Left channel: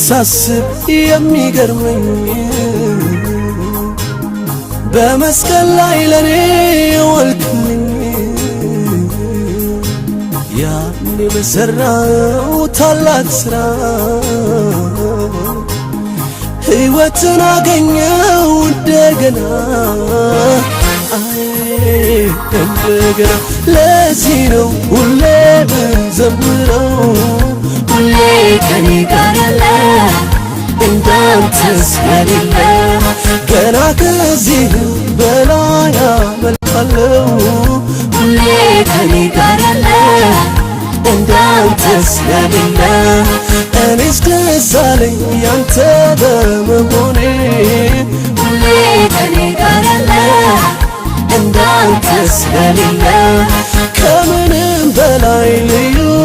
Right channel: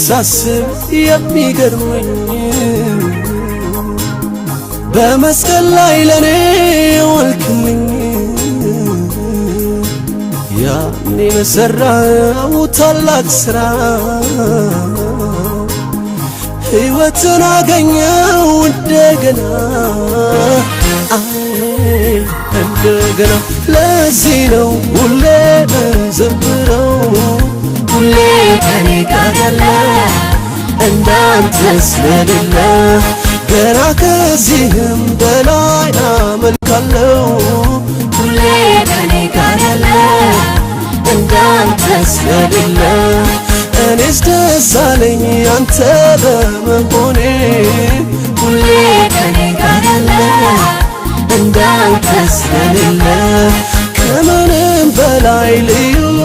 ሳስብ የሚገርመኝ በመስቀል ላይ ለኔ የዋልክልኝ ያኔ በሠራኸው ታላቅ ሥራ ሕይወትን አገኘው እንደገና እንደገና ለዚህ ነው ሁሌ ምዘምረው ሁሌ ከኔ ጋር ያለ እንዳንተ ስለሌለ ገና ከዚህም በላይ አመልካለሁ ሁሌ ከኔ ጋር ያለ እንዳንተ ስለሌለ እኔስ ደስ አለኝ አንተ በመሆኔ ሁሌ ከኔ ጋር ያለ እንዳንተ ስለሌለ